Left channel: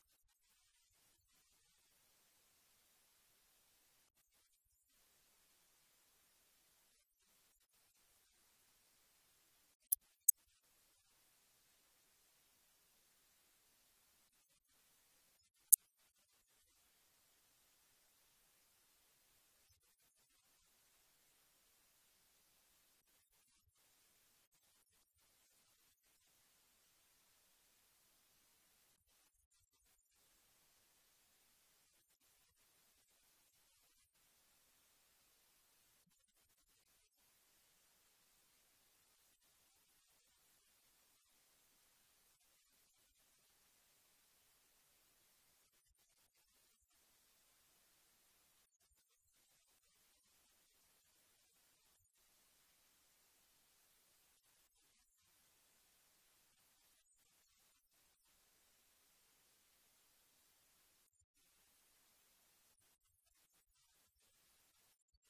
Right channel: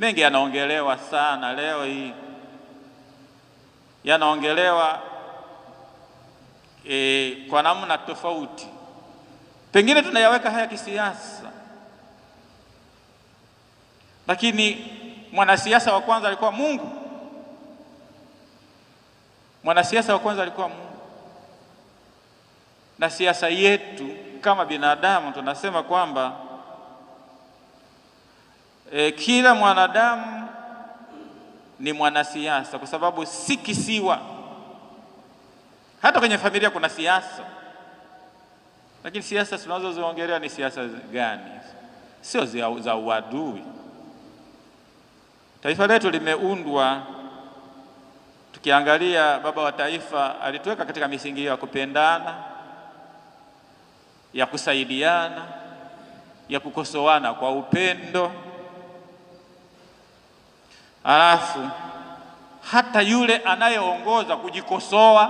mengi yanaongelewa sana leo hii, yanaongelewa kwa namna tofauti. Pengine tunayaweka haya kisiasa, lakini mwanasiasa wa kwanza alikuwa Mungu. Mwanasiasa wa kwanza alikuwa Mungu. Na siasa yetu kama binadamu tunasema kwamba kila mwanadamu ni mwanasiasa, kwa sababu si kisiwa. Hata kwenye familia kuna siasa, lakini siasa tunazoziongelea ni siasa gani? Sio za uadui. Taifa letu limeundwa, tukiangalia baba wa taifa alituweka katika misingi ya kupendana, ya kusaidiana, ya kukosoana kwa upendo. Alafu hata yule anayeongoza kujikosoa,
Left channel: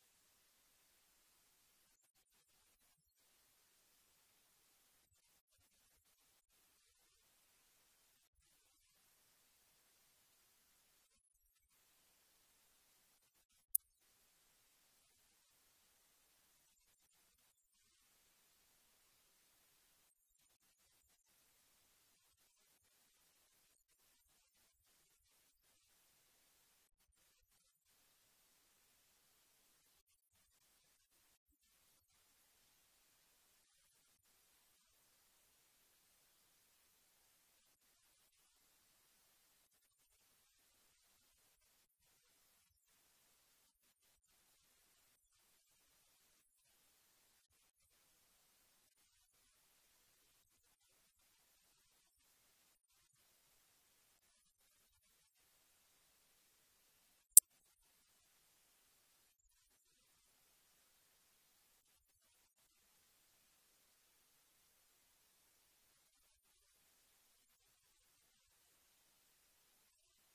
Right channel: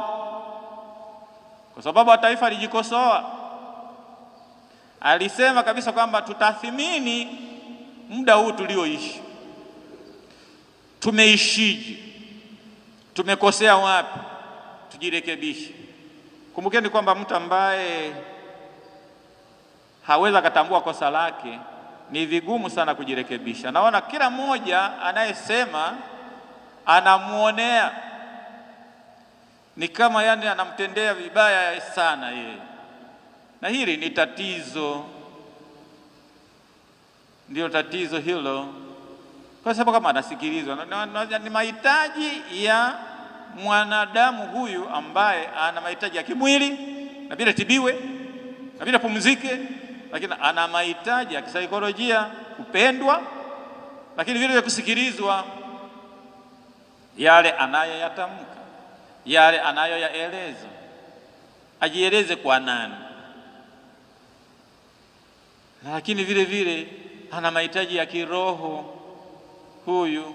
kwa sababu taifa alijikosoa, alisema kabisa kwamba tutathimini muda huu tulioishi, tumeishije, tumekosea wapi, tujirekebishe. Kumbukeni kwamba mtu ambaye hawezi kutambua kosa lake ni vigumu sana kujirekebisha. Naona kila mmoja anayesema anamuonea, ni kama yani anamtendea vibaya sana yeye, na hili ni tatizo. Ndio tatizo hilo, kwa sababu kama anasikilizwa ni mahitaji ya mwanadamu huyu ambaye ana mahitaji ya kimwili, na bila tibiwe, na bila pumzike, lakini ana mahitaji ya kisaikolojia, kupendwa, lakini vile vile kusikilizwa, yale anayoyatamka, yale anayoyaeleza, ajieleze kwa nani. Lakini vile vile ana mahitaji ya kiroho huyu,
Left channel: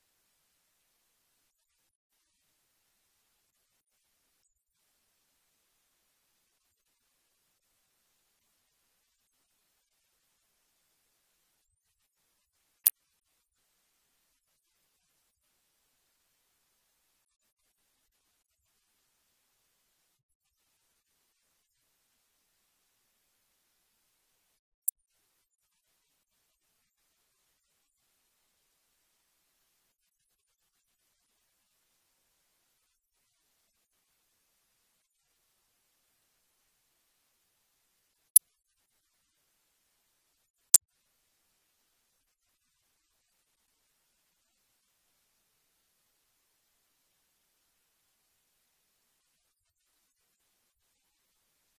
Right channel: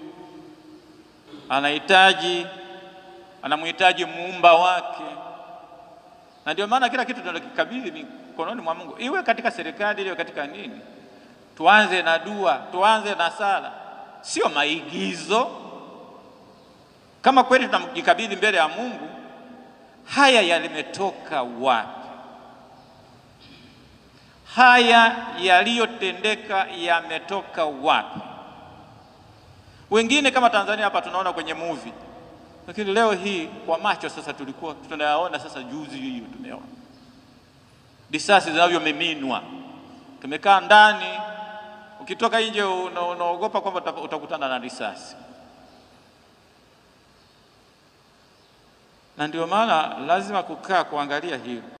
anamhitaji muumba wake. Na ndio maana kila kitu tunakikabidhi mikononi mwa Mungu, iwe katika serikali, iwe katika nini. Tuanze na dua, tuanze na sala, sio maigizo. Kama kweli tunamjikabidhi mbele ya Mungu, haya yalimetoka wapi? Haya yaliyotendeka yametoka wapi? Wengine kama Tanzania hapa tunaona kwenye movie, lakini leo hii kwa macho sasa tulikuwa tunayaona. Sasa juzi hiyo tumeona risasi zinavyomiminwa, tumekaa ndani, ukitoka nje unaogopa kwamba utakutana na risasi. Na ndio maana lazima kukaa kuangalia hiyo.